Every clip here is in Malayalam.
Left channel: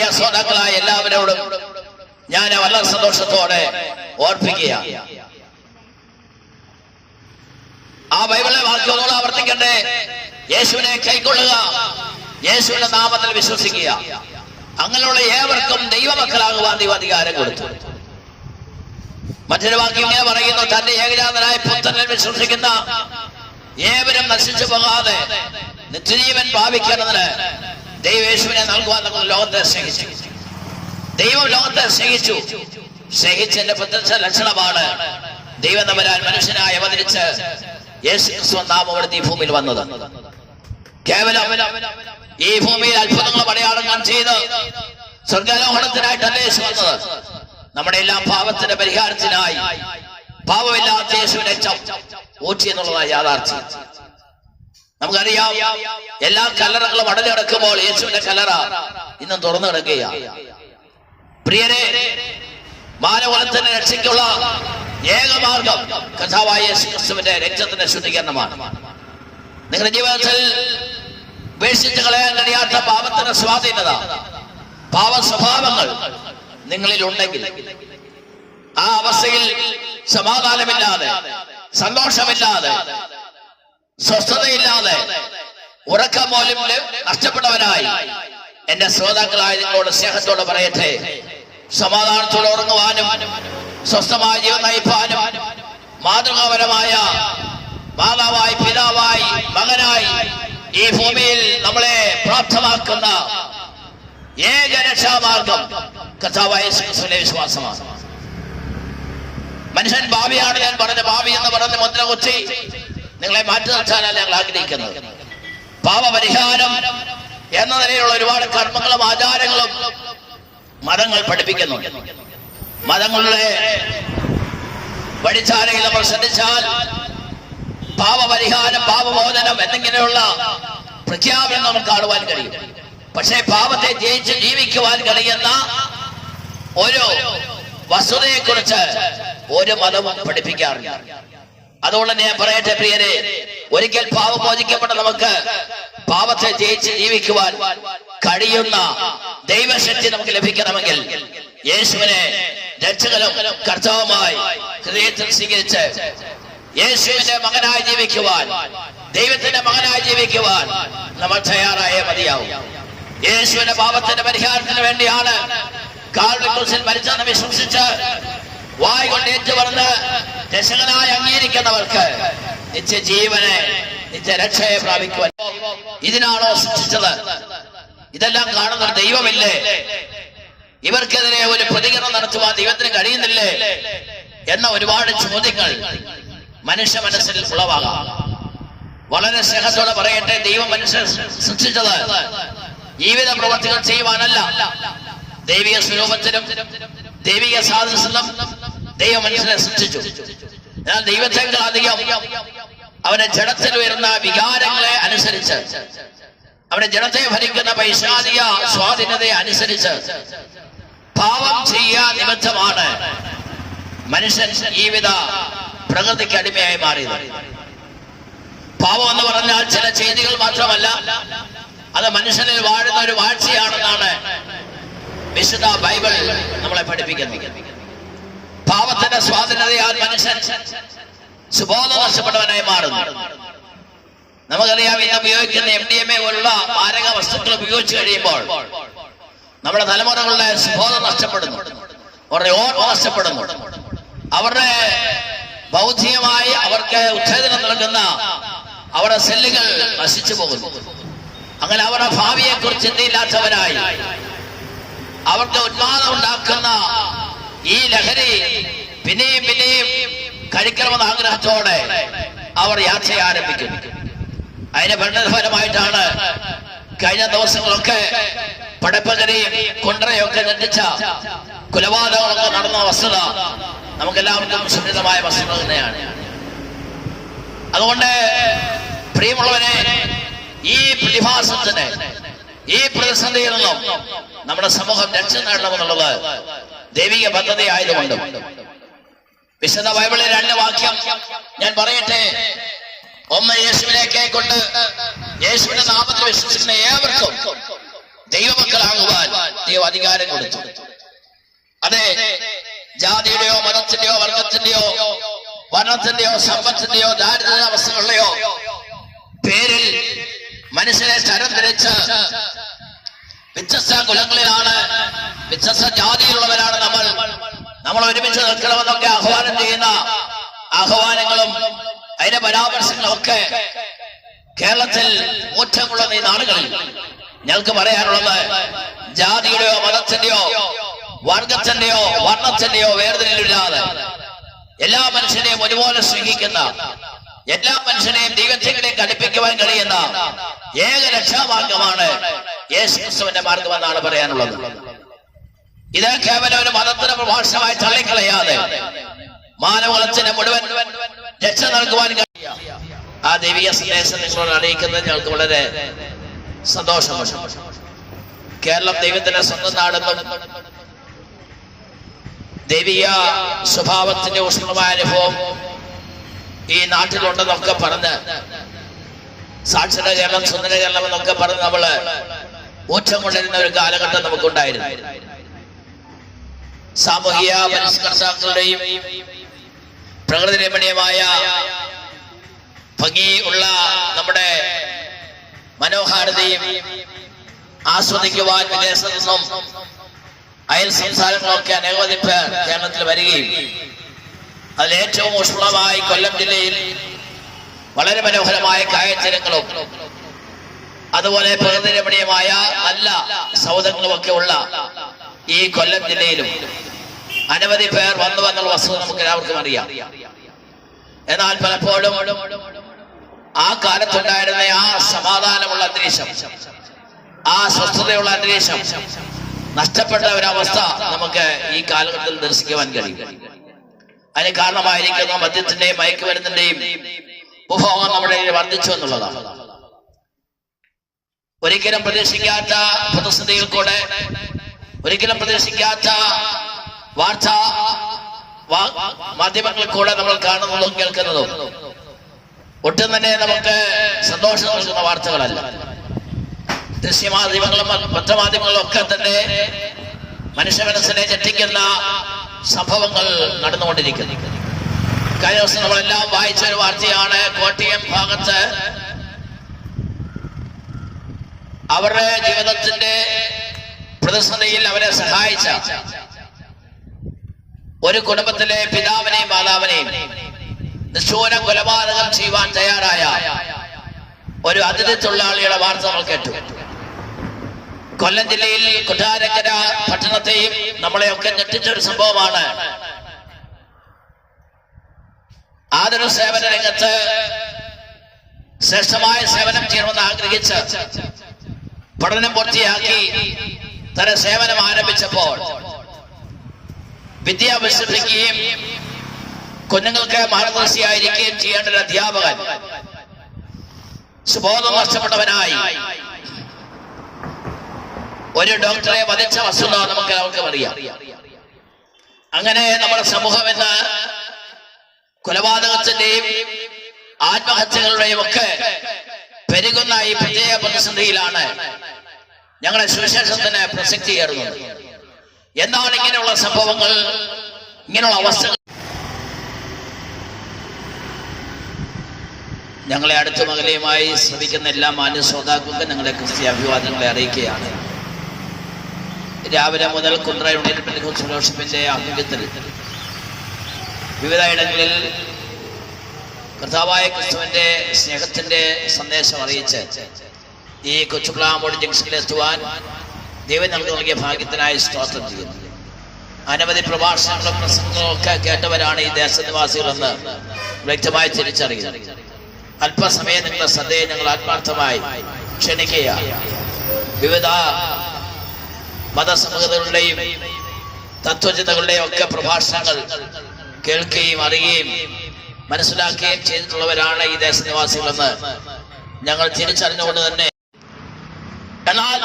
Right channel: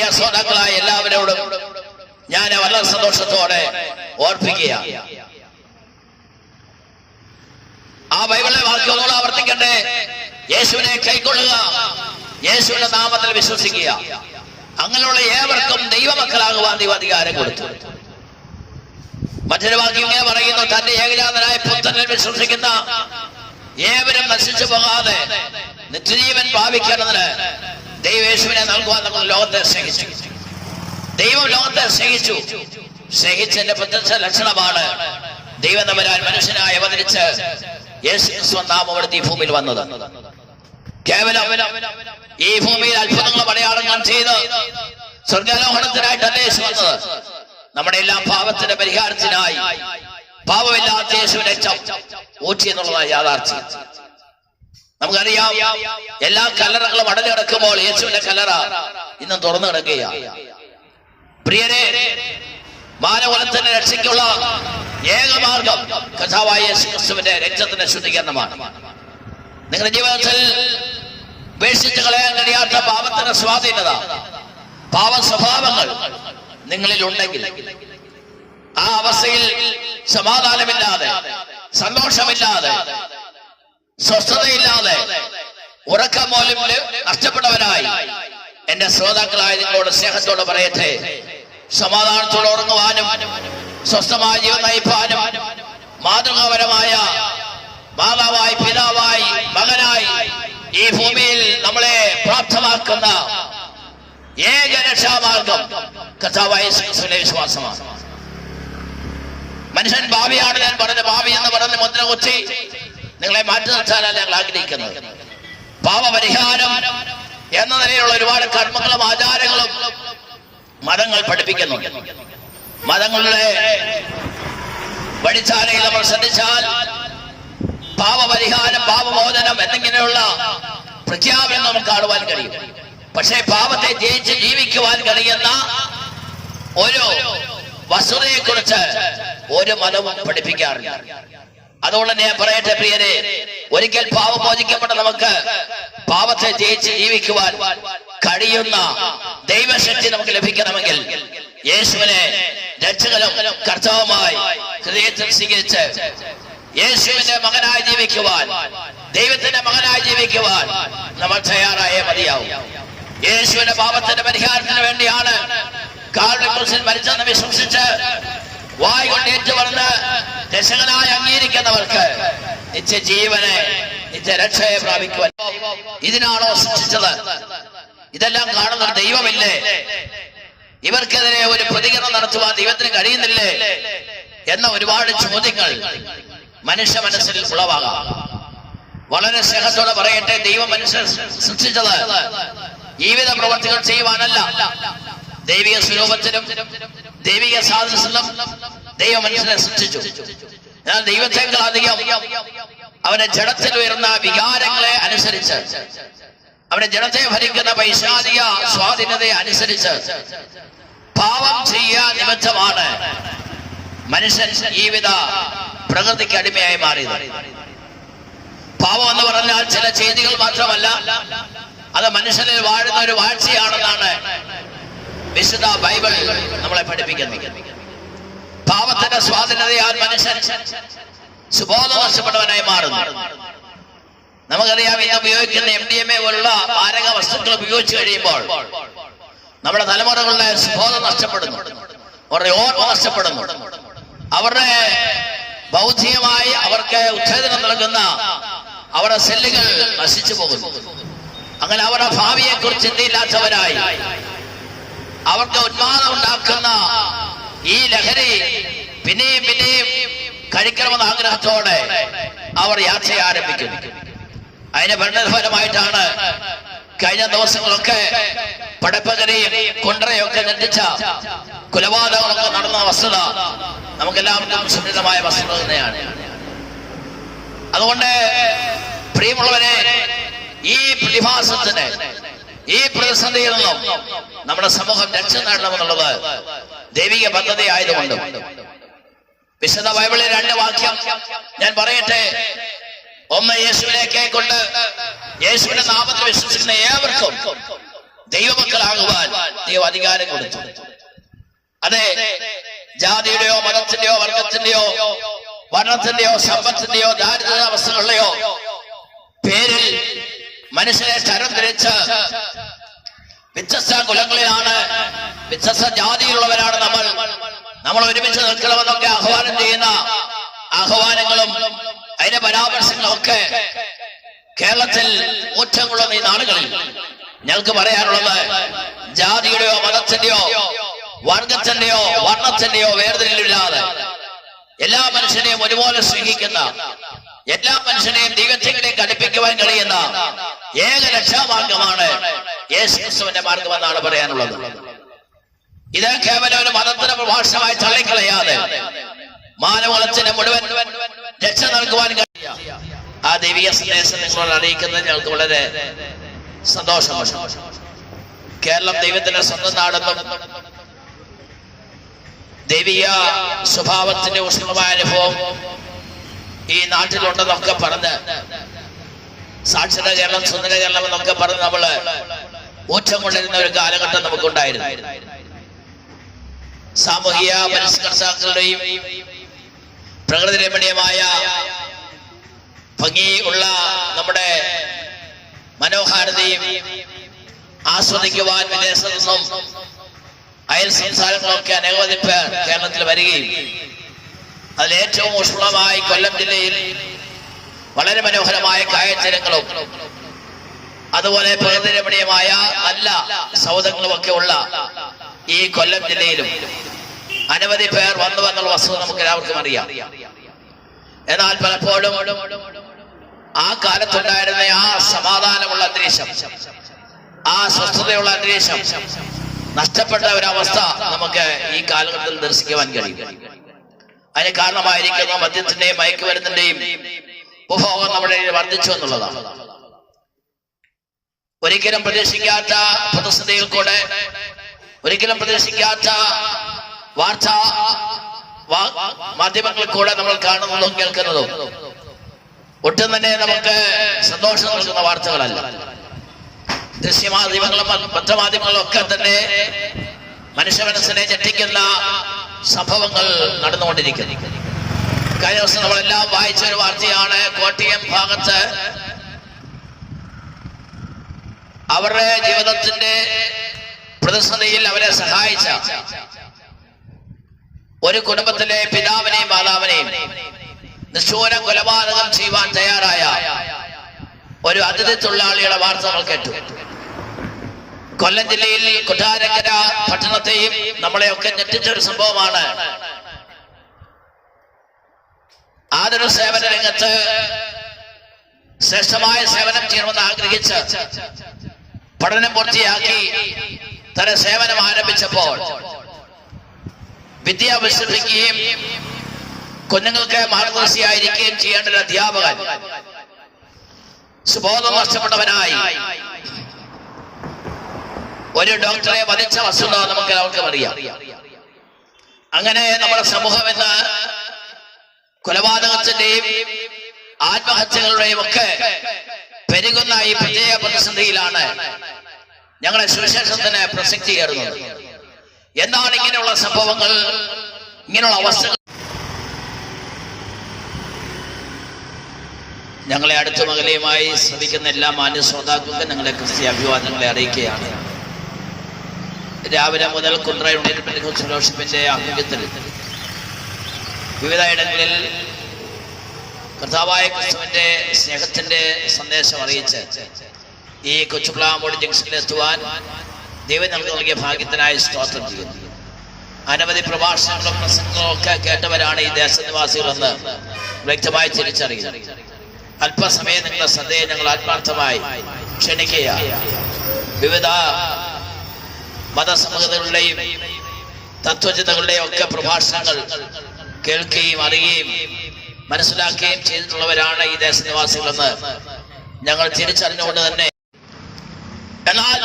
പ്രിയ ശ്രോതാക്കളായ എല്ലാവരോടും ഞാൻ വളരെ സന്തോഷത്തോടെ ഓർപ്പിക്കുക. ആ ബൈബിളിലെ വാക്കുകളോട് ആവർത്തിക്കട്ടെ. യേശുവിനെ കൈക്കൊള്ളുക. യേശുവിന്റെ നാമത്തിൽ വിശ്വസിക്കുക. അങ്ങനെയുള്ള ഏവർക്കും ദൈവമക്കളാകുവാൻ ദൈവ അധികാരം കൊടുത്തു. മറ്റൊരു വാക്യം ഇങ്ങനെ പറയുന്നു തന്റെ ഏകജാതനായ പുത്രനെ വിശ്വസിക്കുന്ന ഏവരും നശിച്ചു പോകാതെ നിത്യജീവൻ ഭാവിക്കുന്നതിന് ദൈവേശുവിനെ നൽകുവാൻ നമ്മൾ ലോകത്തെ സ്നേഹിച്ചു. ദൈവം ലോകത്തെ സ്നേഹിച്ചു. സ്നേഹിച്ചതിന്റെ പ്രത്യക്ഷ ലക്ഷണമാണ് ദൈവം തമ്പരാൻ മനുഷ്യനായി അവതരിച്ച് യേശു ക്രിസ്തു ഈ ഭൂമിയിൽ വന്നത്. കേവലം ഈ ഭൂമിയിൽ അത്ഭുതങ്ങൾ അടയാളങ്ങൾ ചെയ്ത് സ്വർഗാരോഹണത്തിനായിട്ടല്ല യേശു വന്നത്. നമ്മുടെ എല്ലാ പാപത്തിന്റെ പരിഹാരത്തിനായി പാപമില്ലാത്ത യേശുവിനെ ഊറ്റി എന്നുള്ളതാണ് യാഥാർത്ഥ്യം. നമുക്കറിയാം എല്ലാ കല്ലറകളും അടഞ്ഞു കിടക്കുമ്പോൾ യേശുവിന്റെ കല്ലറ ഇന്ന് തുറന്നു കിടക്കുകയാണ്. പ്രിയരെ മാനവനത്തിന്റെ രക്ഷയ്ക്കുള്ള ഏകമാർഗം കഥാവായ യേശുക്രിസ്തുവിന്റെ രക്തത്തിന്റെ ശുദ്ധീകരണമാണ്. നിങ്ങളുടെ ജീവിതത്തിൽ ഉപേക്ഷിച്ച് കളയാൻ കഴിയാത്ത പാപത്തിന്റെ സ്വാധീനത പാവ സ്വഭാവങ്ങൾ നിങ്ങളിൽ ഉണ്ടെങ്കിൽ ആ അവസ്ഥയിൽ സമാധാനമില്ലാതെ സന്തോഷമില്ലാതെ സ്വസ്ഥതയില്ലാതെ ഉറക്കം പോലും നഷ്ടപ്പെട്ടവനായി എന്റെ ശ്രോതാക്കളായ നിങ്ങളോട് സ്നേഹത്തോട് പറയട്ടെ. സമാധാനത്തോടെ ഉറങ്ങുവാനും സ്വസ്ഥമായ ജീവൻ നയിപ്പാനും മാതൃകാപരമായ മാതാവായി പിതാവായി മകനായി ഈ ഭൂമിയിൽ നമ്മളെ പ്രാപ്തമാക്കുന്ന ഏക രക്ഷാമാർഗം കഥാവായ വിശ്വാസമാണ്. മനുഷ്യൻ ഭാവിയാണ് ഞാൻ പറഞ്ഞ ഭാവി എന്ന് പറഞ്ഞ മുദ്ര കുത്തി നിങ്ങളെ മാറ്റി നിർത്താനാണ് ഞങ്ങൾ ആഗ്രഹിക്കുന്നത്. പാപപരിഹാരം എന്ന നിലയിലുള്ള ഒരുപാട് കർമ്മങ്ങളും ആചാരങ്ങളും മതങ്ങൾ പഠിപ്പിക്കുന്നുണ്ട്. മതങ്ങളുടെ വഴിച്ചാലയിൽ നമ്മൾ ശ്രദ്ധിച്ചാൽ പാപപരിഹാരം പാപമോചനം എന്നിങ്ങനെയുള്ള പ്രഖ്യാപനം നമുക്ക് കാണുവാൻ കഴിയും. പക്ഷേ പാപത്തെ ജയിച്ച് ജീവിക്കുവാൻ കഴിയുന്ന ഒരു വസ്തുതയെക്കുറിച്ച് ഒരു മതവും പഠിപ്പിക്കാറില്ല. അതുകൊണ്ട് ഞാൻ പറയട്ടെ പ്രിയരെ ഒരിക്കൽ പാവം മോചിക്കപ്പെട്ട നമുക്ക് പാവത്തെ ജയിച്ച് ജീവിക്കുവാൻ കഴിയുന്ന ദൈവശക്തി നമുക്ക് ലഭിക്കണമെങ്കിൽ യേശുവിനെ രക്ഷകനും കർത്താവുമായി ഹൃദയത്തിൽ സ്വീകരിച്ച് യേശുവിന്റെ മകനായി ജീവിക്കുവാൻ ദൈവത്തിന്റെ മകനായി ജീവിക്കുവാൻ നമ്മൾ തയ്യാറായേ മതിയാവും. യേശുവിന്റെ പാപത്തിന്റെ പരിഹാരത്തിന് വേണ്ടിയാണ് കാർഡിൽ മരിച്ചെന്ന് വിശ്വസിച്ച് വായ് കൊണ്ട് ഏറ്റു പറഞ്ഞ് രക്ഷകനായി അംഗീകരിക്കുന്നവർക്ക് നിത്യ ജീവനെ നിത്യ രക്ഷയെ പ്രാപിക്കുവാൻ ഇതിനാണോ സൃഷ്ടിച്ചത്? ഇതെല്ലാം കാണുന്ന ദൈവമില്ലേ? ഇവർക്കെതിരെ ഒരു പ്രതികരണം നടത്തുവാൻ ദൈവത്തിന് കഴിയുന്നില്ലേ? എന്ന ഒരുപാട് ചോദ്യങ്ങൾ മനുഷ്യ മനസ്സിൽ ഉളവാകാം. വളരെ സ്നേഹത്തോടെ പറയട്ടെ ദൈവം മനുഷ്യൻ സൃഷ്ടിച്ചത്. ജീവിത പ്രവർത്തികൾ ചെയ്യുവാനല്ല. ദൈവിക സ്വരൂപത്തിലും ദൈവിക സാധനം ദൈവ മനുഷ്യനെ സൃഷ്ടിച്ചു. ഞാൻ ദൈവത്തെക്കാൾ അധികം അവന്റെ ജഡത്തിൽ വരുന്ന വികാരങ്ങളെ അനുസരിച്ച് അവന്റെ ജനത്തെ ഭരിക്കുന്ന പൈശാചിക സ്വാധീനതയെ അനുസരിച്ച് പാപം ചെയ്യാൻ നിമിത്തമാണ് മനുഷ്യൻ ജീവിത പ്രകൃതിക്ക് അടിമയായി മാറിയത്. പാപം എന്ന് പറഞ്ഞാൽ ചില ചെയ്തികൾ മാത്രമല്ല അത് മനുഷ്യനിൽ വാഴുന്ന ഒരു വാഴ്ചയാണെന്നാണ് വിശുദ്ധ ബൈബിൾ നമ്മളെ പഠിപ്പിക്കുന്നു. പാവത്തിന്റെ സ്വാധീനതയാൽ മനുഷ്യൻ സുബോധ നഷ്ടപ്പെട്ടവനായി മാറുന്നു. നമുക്കറിയാം ഇന്ന് ഉപയോഗിക്കുന്ന എം ഡി എം എ പോലുള്ള മാരക വസ്തുക്കൾ ഉപയോഗിച്ചു കഴിയുമ്പോൾ നമ്മുടെ തലമുറകളുടെ സുബോധം നഷ്ടപ്പെടുന്നു. അവരുടെ ഓർമ്മ നഷ്ടപ്പെടുന്നു. അവരുടെ ബൗദ്ധികമായി അവർക്ക് ഉത്തേജനം നൽകുന്ന അവരുടെ സെല്ലുകൾ നശിച്ചു പോകുന്നു. അങ്ങനെ അവരുടെ ഭാവിയെക്കുറിച്ച് ചിന്തയില്ലാത്തവരായി അവർക്ക് ഉന്മാദം ഉണ്ടാക്കുന്ന ഈ ലഹരി പിന്നെയും പിന്നെയും കഴിക്കണമെന്ന ആഗ്രഹത്തോടെ അവർ യാത്ര ആരംഭിക്കും. അതിന് പരിണതഫലമായിട്ടാണ് കഴിഞ്ഞ ദിവസങ്ങളൊക്കെ പടപ്പകരയും കൊണ്ടരയൊക്കെ ലംഘിച്ച കുലപാതകങ്ങളൊക്കെ നടന്ന വസ്തുത നമുക്കെല്ലാവർക്കും സുരക്ഷിതമായ വസ്തുത തന്നെയാണ്. അതുകൊണ്ട് പ്രിയമുള്ളവരെ ഈ പ്രതിഭാസത്തിന് ഈ പ്രതിസന്ധിയിൽ നിന്നും നമ്മുടെ സമൂഹം രക്ഷ നേടണമെന്നുള്ളത് ദൈവിക പദ്ധതി ആയതുകൊണ്ട്. വിശുദ്ധ ബൈബിളിൽ രണ്ട് വാക്യം ഞാൻ പറയട്ടെ? ഒമ്മ യേശുവിനെ കൊണ്ട് യേശുവിന്റെ നാമത്തിൽ വിശ്വസിക്കുന്ന ഏവർക്കും ദൈവമക്കളാകുവാൻ ദൈവം അധികാരം കൊടുത്തു. അതെ ജാതിയുടെയോ മതത്തിന്റെയോ വർഗത്തിന്റെയോ വർണത്തിന്റെയോ സമ്പത്തിന്റെയോ ദാരിദ്ര്യാവസ്ഥകളുടെയോ പേരിൽ മനുഷ്യനെ തരം തിരിച്ച് വ്യത്യസ്ത കുലങ്ങളിലാണ് വ്യത്യസ്ത ജാതിയിലുള്ളവരാണ് നമ്മൾ. നമ്മൾ ഒരുമിച്ച് നിൽക്കണമെന്നൊക്കെ ആഹ്വാനം ചെയ്യുന്ന ആഹ്വാനങ്ങളും അതിന്റെ പരാമർശങ്ങളൊക്കെ കേരളത്തിൽ ഊറ്റമുള്ള ഈ നാടുകളിൽ. ഞങ്ങൾക്ക് പറയാനുള്ളത് ജാതിയുടെയോ മതത്തിന്റെയോ വർഗത്തിന്റെയോ വർണത്തിന്റെയോ വേർതിരിവില്ലാതെ എല്ലാ മനുഷ്യനെയും ഒരുപോലെ സ്നേഹിക്കുന്ന എല്ലാ മനുഷ്യനെയും ദൈവത്തിലേക്ക് അടുപ്പിക്കുവാൻ കഴിയുന്ന ഏക രക്ഷാമാർഗമാണ് യേശുക്രിസ്തുവിന്റെ മാർഗമെന്നാണ് പറയാനുള്ളത്. ഇത് കേവലം ഒരു മതത്തിന് പ്രഭാഷണമായി തള്ളിക്കളയാതെ മാനവളത്തിന് മുഴുവൻ രക്ഷ നൽകുവാൻ ആ ദൈവിക സന്ദേശം നിങ്ങളോട് അറിയിക്കുന്നത് ഞങ്ങൾക്ക് വളരെ സന്തോഷമാണ്. കേരളം ദൈവത്തിന്റെ സ്വന്തം നാടെന്നും ദൈവിക സ്വഭാവത്തിന്റെ ഉഷ്ണമായ അനുഭവം ഈ നാട്ടിലുണ്ടെന്നൊക്കെ പറഞ്ഞ് സാക്ഷര കേരളം സുന്ദര കേരളം എന്നൊക്കെ പറഞ്ഞ് നമ്മൾ ഊറ്റം കൊണ്ടിരുന്ന ഒരു കാലഘട്ടം നമുക്കുണ്ടായിരുന്നു. സാമൂഹിക പരിഷ്കർത്താക്കളുടെയും പ്രകൃതി രമണീയമായ ഭംഗിയുള്ള നമ്മുടെ മനോഹാരിതയും ആസ്വദിക്കുവാൻ വിദേശത്തു നിന്നും അയൽ സംസ്ഥാനങ്ങളൊക്കെ അനവധി പേർ കേരളത്തിൽ വരികയും അതിൽ ഏറ്റവും ഊഷ്മളമായി കൊല്ലം ജില്ലയിൽ വളരെ മനോഹരമായ കായച്ചരങ്ങളും അതുപോലെ പ്രകൃതി രമണീയമായ നല്ല ഒക്കെ ഉള്ള ഈ കൊല്ലം ജില്ലയിലും അനവധി പേർ വന്നു എന്നുള്ള വസ്തുത നമുക്ക് എല്ലാവർക്കും അറിയാം. എന്നാൽ പലപ്പോഴും ആ കാലത്തുണ്ടായിരുന്ന ആ സമാധാനമുള്ള അന്തരീക്ഷം ആ സ്വസ്ഥതയുള്ള അന്തരീക്ഷം നഷ്ടപ്പെട്ട ഒരവസ്ഥ നമുക്ക് ഈ കാലഘട്ടത്തിൽ ദർശിക്കുവാൻ കഴിയും. അതിന് കാരണമായിരിക്കുന്ന മദ്യത്തിന്റെയും മയക്കുമരുന്നിന്റെയും ഉപഭോഗം നമ്മുടെ വർദ്ധിച്ചു എന്നുള്ളതാണ്. ഒരിക്കലും പ്രതീക്ഷിക്കാത്ത പ്രതിസന്ധിയിൽ കൂടെ ഒരിക്കലും പ്രതീക്ഷിക്കാത്ത വാർത്ത മാധ്യമങ്ങളിൽ കൂടെ നമ്മൾ കാണുന്നതും കേൾക്കുന്നതും ഒട്ടും തന്നെ നമുക്ക് സന്തോഷം നൽകുന്ന വാർത്തകളല്ല. ദൃശ്യമാധ്യമങ്ങളും പത്രമാധ്യമങ്ങളും ഒക്കെ തന്നെ മനുഷ്യ മനസ്സിനെ ഞെട്ടിക്കുന്ന സംഭവങ്ങൾ നടന്നുകൊണ്ടിരിക്കുന്നു. കഴിഞ്ഞ ദിവസം നമ്മളെല്ലാം വായിച്ച ഒരു വാർത്തയാണ് കോട്ടയം ഭാഗത്ത് അവരുടെ ജീവിതത്തിന്റെ പ്രതിസന്ധിയിൽ അവരെ സഹായിച്ച ഒരു കുടുംബത്തിലെ പിതാവിനെയും മാതാവിനെയും നിശ്ചൂല കൊലപാതകം ചെയ്യുവാൻ തയ്യാറായ ഒരു അതിഥി തൊഴിലാളിയുടെ വാർത്ത നമ്മൾ കേട്ടു. കൊല്ലം ജില്ലയിൽ കൊട്ടാരക്കര പട്ടണത്തെയും നമ്മളെയൊക്കെ ഞെട്ടിച്ച ഒരു സംഭവമാണ്. ആദര സേവന രംഗത്ത് ശ്രേഷ്ഠമായ സേവനം ചെയ്യണമെന്ന് ആഗ്രഹിച്ച് പഠനം പൂർത്തിയാക്കി തന്റെ സേവനം ആരംഭിച്ചപ്പോൾ വിദ്യ കുഞ്ഞുങ്ങൾക്ക് മാർഗദർശിയായിരിക്കുകയും ചെയ്യേണ്ട ഒരു അധ്യാപകൻ സുബോധം നഷ്ടപ്പെട്ടവനായി ഒരു ഡോക്ടറെ വധിച്ച വസ്തുത നമുക്ക് എല്ലാവർക്കും അറിയാം. അങ്ങനെ നമ്മുടെ സമൂഹം ഇന്ന് കൊലപാതകത്തിന്റെയും ആത്മഹത്യകളുടെയും ഒക്കെ പെരുകുന്ന ഈ പ്രത്യേക പ്രതിസന്ധിയിലാണ് ഞങ്ങളെ സുവിശേഷത്തിന് പ്രസക്തിയേറുന്നത് എന്നാൽ ഇങ്ങനെയുള്ള സംഭവങ്ങൾ? ഇങ്ങനെയുള്ള അവസ്ഥകൾ? ഞങ്ങളെ അടുത്ത മകളെയുമായി ശ്രദ്ധിക്കുന്ന എല്ലാ മാന്യ ശ്രോതാക്കൾക്കും ഞങ്ങളെ ക്രിസ്ത്യ അഭിവാദങ്ങളെ അറിയിക്കുകയാണ്. രാവിലെ മുതൽ കുണ്ട്ര യൂണിയൻ പെൻഡിക്കോസ് ഫെലോഷിപ്പിന്റെ ആഭിമുഖ്യത്തിൽ വിവിധ ഇടങ്ങളിൽ കർത്താവായ ക്രിസ്തുവിന്റെ സ്നേഹത്തിന്റെ സന്ദേശം അറിയിച്ച് ഈ കൊച്ചുപ്ലാമോട് ജംഗ്ഷനിൽ എത്തുവാൻ ദൈവം നമുക്ക് നൽകിയ ഭാഗ്യത്തിനായി സ്തോത്രം ചെയ്യുന്നു. അനവധി പ്രഭാഷണങ്ങളും പ്രസംഗങ്ങളും ഒക്കെ കേട്ടവരാണ് ഈ ദേശനിവാസികളെന്ന് വ്യക്തമായി തിരിച്ചറിയുന്നത് അല്പസമയം നിങ്ങളുടെ ശ്രദ്ധയെ ഞങ്ങൾ ആത്മാർത്ഥമായി ക്ഷണിക്കുക വിവിധ മതസമൂഹങ്ങളുടെയും തത്വചിന്തകളുടെയും ഒക്കെ പ്രഭാഷണങ്ങൾ കേൾക്കുകയും അറിയുകയും മനസ്സിലാക്കുകയും ചെയ്തിട്ടുള്ളവരാണ് ഈ ദേശനിവാസികളെന്ന് ഞങ്ങൾ തിരിച്ചറിഞ്ഞുകൊണ്ട് തന്നെ. എന്നാൽ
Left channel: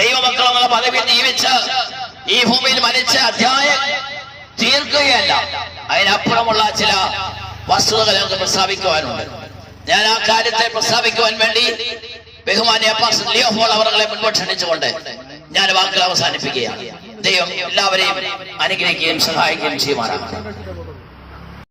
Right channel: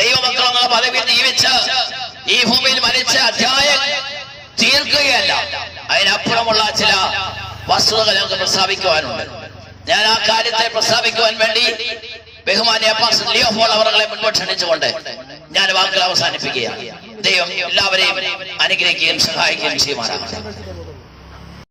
ദൈവമക്കളുടെ പദവി ജീവിച്ച് ഈ ഭൂമിയിൽ മരിച്ച അധ്യായം തീർക്കുകയല്ല. അതിനപ്പുറമുള്ള ചില വസ്തുതകൾ ഞങ്ങൾക്ക് പ്രസ്താവിക്കുവാനുണ്ട്. ഞാൻ ആ കാര്യത്തെ പ്രസ്താവിക്കുവാൻ വേണ്ടി ബഹുമാനിയ പാസ്റ്റർ ലിയോ അവരെ മുൻപോട്ട് ക്ഷണിച്ചുകൊണ്ട് ഞാൻ വാക്കുകൾ അവസാനിപ്പിക്കുകയാണ്. ദൈവം എല്ലാവരെയും അനുഗ്രഹിക്കുകയും സഹായിക്കുകയും ചെയ്യുമാറാണ്